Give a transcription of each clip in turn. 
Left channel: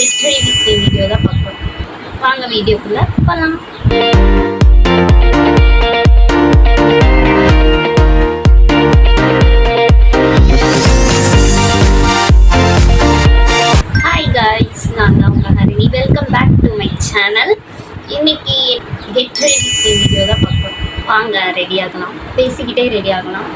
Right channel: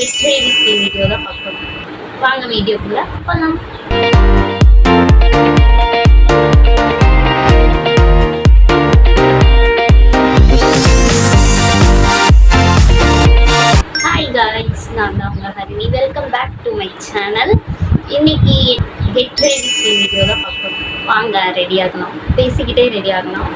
வெற்றி வீடியோ தான் பார்க்கணும். வாங்க வீடியோக்குள்ள போகலாம். ஹாய் காய்ஸ், நான் தான் உங்கள் Harini. Welcome back to my channel. இன்னைக்கு கெட் ரெடி வீடியோ தான் பார்க்கணும். வாங்க ரெடி ஆகலாம், பேசிக்கிட்டே ரெடி ஆகலாம்.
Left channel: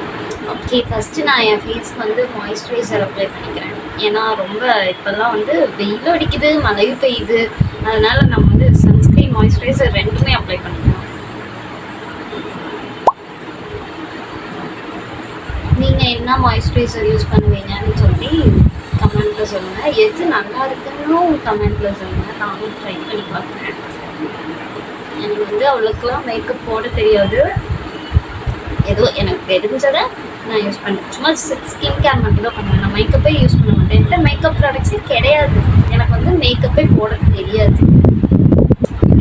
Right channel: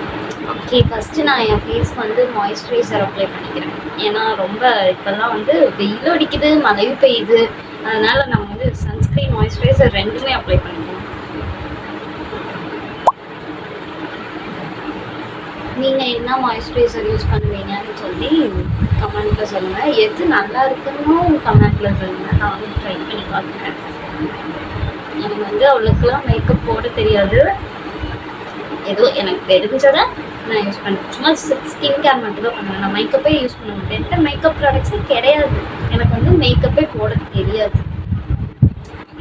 ஓகே, ஃபஸ்ட்டு நான் என் ஃபேஸ்க்கு வந்து மாய்ஸ்சரைசர் அப்ளை பண்ணிக்கிறேன். ஏன்னா ரொம்ப இப்போல்லாம் வந்து வெயில் அடிக்குது, மழையும் பெய்யுது. அதனால் நம்ம வந்து சன்ஸ்க்ரீன், மாய்ஸ்சரைசர் ரெண்டுமே அப்ளை பண்ணிக்கலாம். நீங்கள் என்ன மாய்ஸ்சரைசர் யூஸ் பண்ணுவீங்கன்னு சொல்லி கமெண்ட்டில் சொல்லுங்கள். எது நல்லா இருக்குன்னு கமெண்ட்டில் சொல்லுங்கள். நானும் ட்ரை பண்ணி பார்க்குறேன். எனக்கு வந்து அவ்வளோக்கெல்லாம் மேக்கப் போட தெரியாது. ஏதோ எனக்கு தெரிஞ்சதை நான் யூஸ் பண்ணுறேன். சும்மா ஸ்கின் கேர் மட்டும் தான் பண்ணுவேன். நான் மேக்கப்பே யூஸ் பண்ண மாட்டேன். எந்த மேக்கப் ப்ராடக்ட்ஸே கிடையாது. எனக்கு வந்து மேக்கப்பே போட தெரியாது.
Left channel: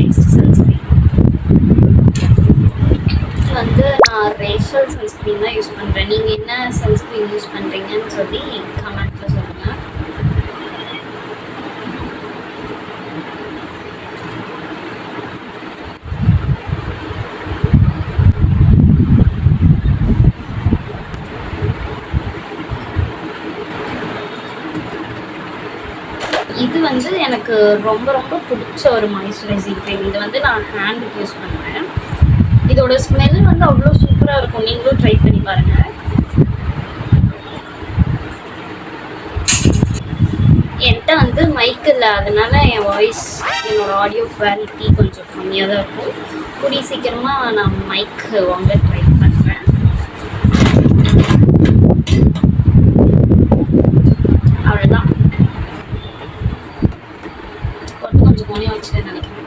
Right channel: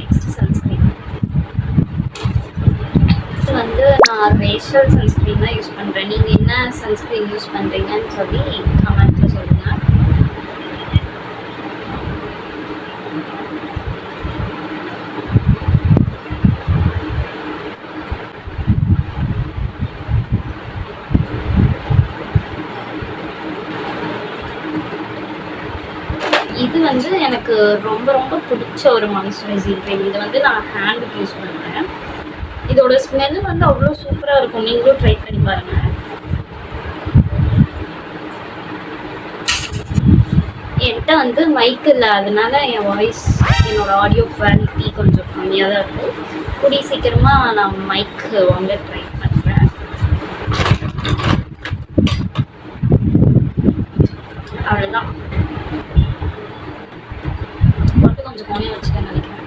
நெக்ஸ்ட் சன்ஸ்க்ரீன் வந்து நான் ரேஷல் சன்ஸ்க்ரீன் தான் யூஸ் பண்ணுறேன். நீங்கள் என்ன சன்ஸ்க்ரீன் யூஸ் பண்ணுறீங்கன்னு சொல்லி கமெண்ட்டில் சொல்லுங்கள். இது வந்து எனக்கு ரொம்ப ரொம்ப பிடிச்ச ஒரு மாய்ஸ்சரைசிங் க்ரீம். இது வந்து நான் ஹேண்டுக்கு யூஸ் பண்ணுவேன். இதோட ஸ்மெல் வந்து அவ்வளோ சூப்பராக இருக்கும். நீங்களும் ட்ரை பண்ணி பாருங்கள். என்கிட்ட வந்து மைக் இல்லை, அதனால என் வாய்ஸ், என்னோடய ஆடியோ குவாலிட்டி கொஞ்சம் கம்மியாக தான் இருக்கும். கூடிய சீக்கிரமாக நான் மைக் வாங்க ட்ரை பண்ணுறேன். அவ்வளோதான். கொஞ்சம் கோணியாக வச்சுட்டேன்னு நினைக்கிறேன்.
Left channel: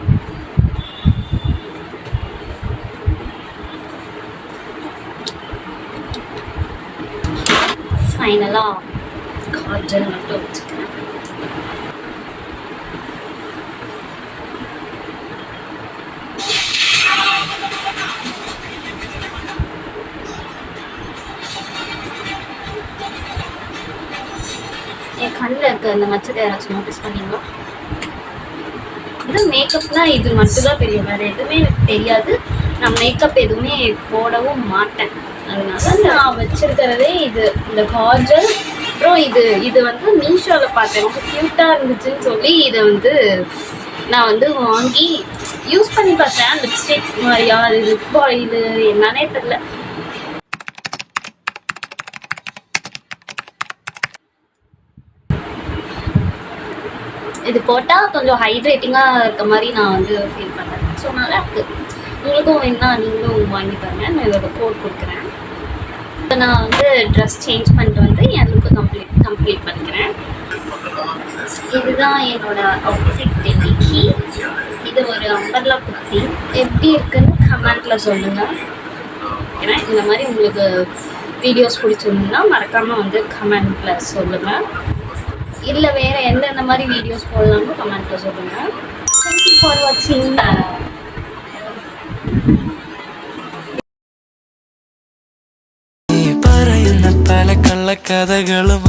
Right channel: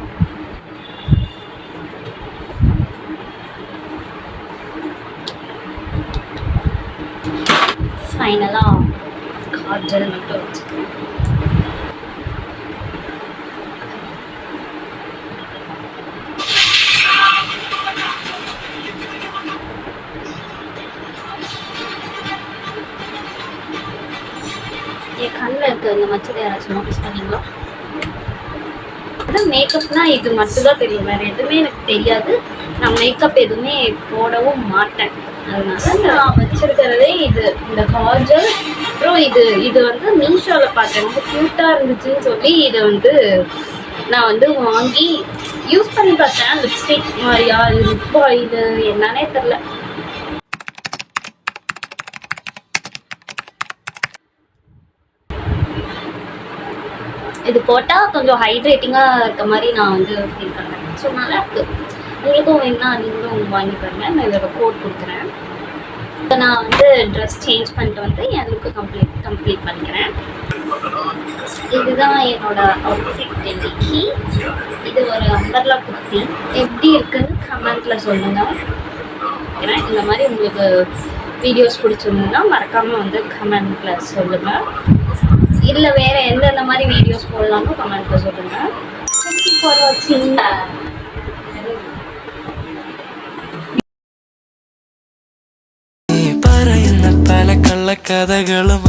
ஃபைனலாக காஜல் மட்டும் வச்சுக்கிறேன். என் கண்ணில் இருக்க இந்த மச்சத்தை யாராச்சும் நோட்டீஸ் பண்ணீங்களா? இது மேக்கப்னால் இது மட்டும் தான் தெரியும், வேறு எதுவுமே எனக்கு தெரியாது. நான் மேக்கப் எதுவுமே போடவும் மாட்டேன். அதனால நான் வச்சுருக்கிறதே இது, இந்த காஜல். அப்புறம் இது வந்து மீஷோவில் பார்த்தேன், ரொம்ப க்யூட்டாக இருந்துச்சுன்னு சொல்லி இதை வந்து நான் வந்து வாங்கி யூஸ் பண்ணி பார்த்தேன். லிப்ஸ்டிக் மாதிரியா, அது லிப் ஆயில் என்னன்னே தெரில. இது போட்டால் கொஞ்சம் ஹைட்ரேட்டிங்காக இருக்க மாதிரி நான் வந்து ஃபீல் பண்ணுறேன். ஸோ நல்லா இருக்குது. உங்களுக்கும் வேணுன்னா நீங்களும் வாங்கி பாருங்கள். நான் இதோட கோட் கொடுக்குறேன். இப்போ நான் வந்து ட்ரெஸ் சேஞ்ச் பண்ணிட்டு வந்து என் லுக்கு கம்ப்ளீட் பண்ணிக்கிறேன். இதுதான் என்னோட அவுட்ஃபிட் இன்னைக்கு. இது ஒரு அம்பர்லா குர்த்தி. எப்படி இருக்குன்னு கமெண்ட்டில் சொல்லுங்கள். இந்த மாதிரி உங்களுக்கு வீடியோஸ் பிடிச்சிருந்ததுன்னா மறக்காமல் வந்து கமெண்ட்டில் சொல்லுங்கள். இல்லை வேறு எந்தெந்த மாதிரி வீடியோஸ் போடலாம்னு கமெண்ட்டில் சொல்லுங்கள். தேங்க்யூ ஃபார் வாட்சிங். പറയുന്ന പല കള്ളക്കഥകളും